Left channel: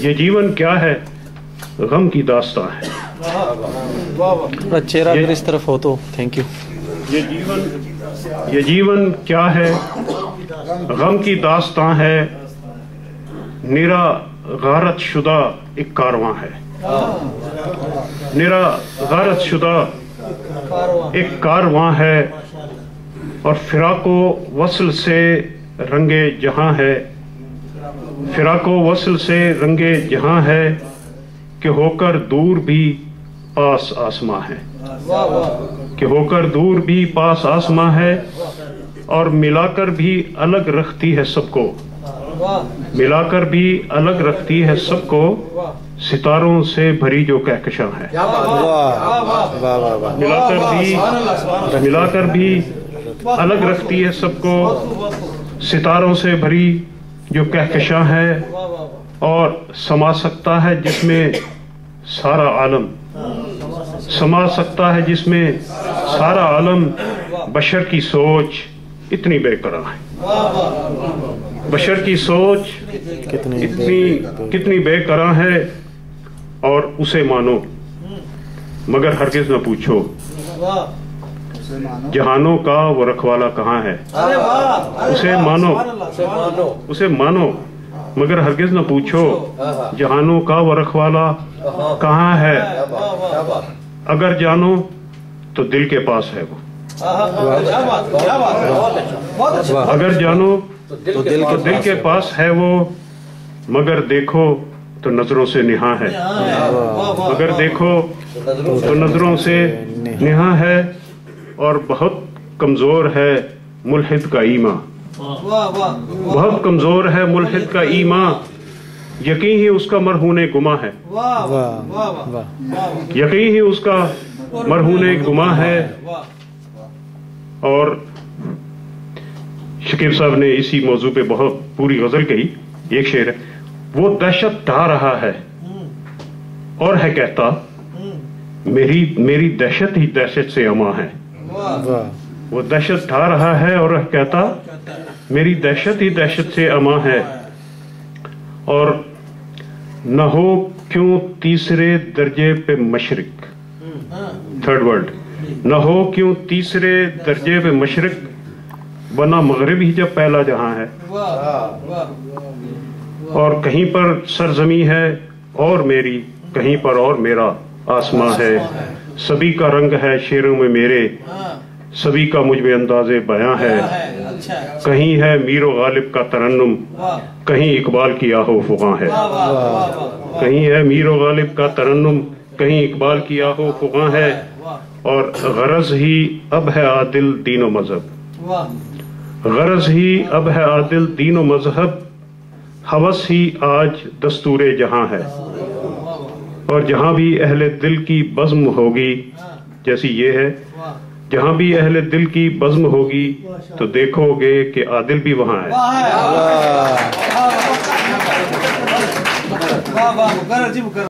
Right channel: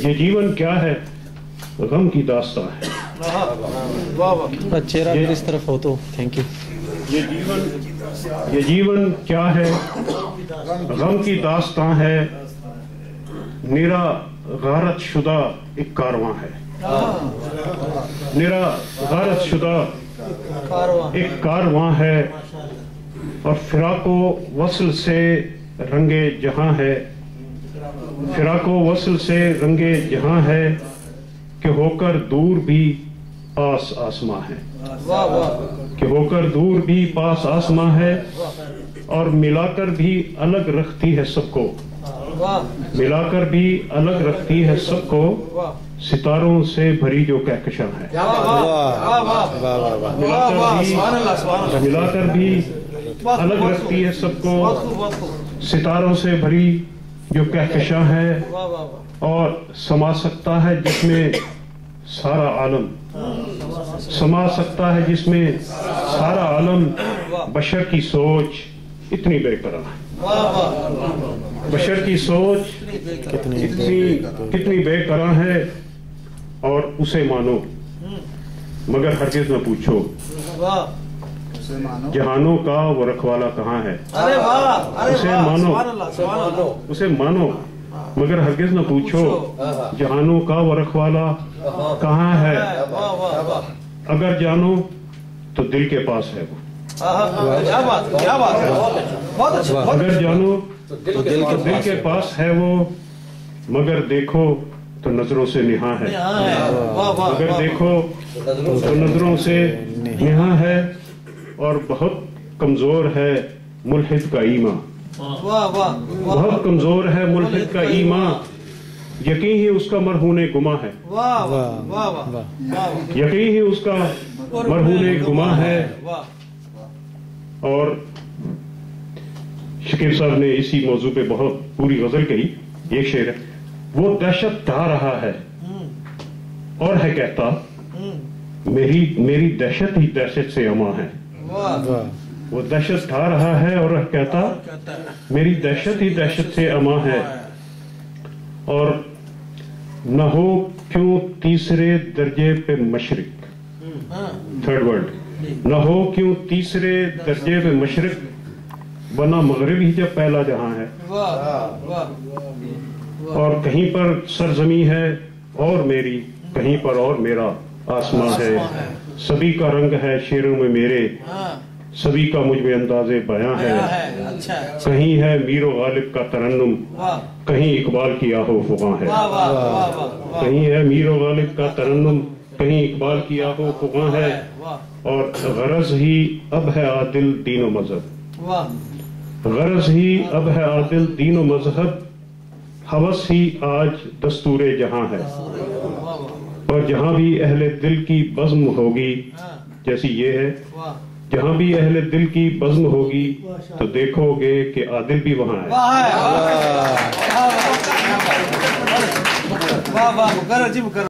یہ جیون کیا ہے؟ غم کی داستان ہے. چہرہ اگر اس طرف ہو تو تھینک یو. یہ جیون کیا ہے؟ غم کی داستان ہے. نرا غارت شدہ ایک کارواں ہے. نرا غارت شدہ ایک کارواں ہے. اور فراق و وصل سے رنگے جہاں ہے. فراق و وصل سے رنگے جہاں ہے کہ ہو کر دور بھی پاس آسماں ہے. کہ ہو کر دور بھی پاس آسماں ہے. اور ملا کر بھی الگ رکھتی ہے سب کو. ملا کر بھی الگ رکھتی ہے سب کو. ستاروں سے بھری جو کہکشاں ہے. ملا کر بھی الگ رکھتی ہے سب کو. ستاروں سے بھری جو کہکشاں ہے. اور سما سکتا ہے جس میں سارا عالم. سما سکتا ہے جس میں سارا عالم. بشر کی سوچ اتنی بے قرار ہے. بشر کی سوچ کتنی بے قرار ہے. اور اسے مانو مگر ہرگز نہ پوچھو جہانوں کا وہ رکھوالا کہاں ہے. اسے مانو مگر ہرگز نہ پوچھو جہانوں کا وہ رکھوالا کہاں ہے. اگر جانو تو دل کے پاس ہے وہ. اگر جانو تو دل کے پاس ہے وہ. مگر دیکھو تو نظروں سے نہاں ہے. اگر دیکھو تو نظروں سے نہاں ہے. اور بہت کمزور ہے ملحد کا ایمان. بہت کمزور ہے ملحد کا ایمان. یقین ہی اس کا مرہون گماں ہے. یقین ہی اس کا مرہون گماں ہے. اور شکیب صاحب نے اسی موضوع پہ بہت پوری غزل کہی. ایک شعر ہے. وہ دہشت ڈھا رہا ہے اور ہے کہتا میری دہشت ہی دہشت سے اماں ہے. وہ دہشت ڈھا رہا ہے اور کہتا میری دہشت ہی دہشت سے اماں ہے. اور نہ ہو کیوں تیسرے درجے پہ مشرق. Third word. نہ ہو کیوں تیسرے درجے پہ مشرق. ورنہ مغرب ہی جب پہلا جہاں ہے. اور کہیں پر سرزمی ہے اور میری. کہیں پر اور میرا آسماں ہے. سبھی کا رنگ ہے شعروں میں میرے. سبھی کا مجھ میں انداز بیاں ہے. کہیں ہے میر و غالب کا ترنم. کہیں اقبال کی آہو فغاں ہے. کہیں ہے میر و غالب کا ترنم. کہیں اقبال کی آہو فغاں ہے. اور غرض ہی اب ہے عادل دین و مذہب. غرض ہی اب ہے عادل دین و مذہب. ہوس ہی آج دستور جہاں ہے. اور جہاں بھی اہل دل کی بزم ہوگی جیسی یہ ہے. جہاں بھی اہل دل کی بزم ہوگی تو دیکھو گے کہ عادل بھی وہاں ہے.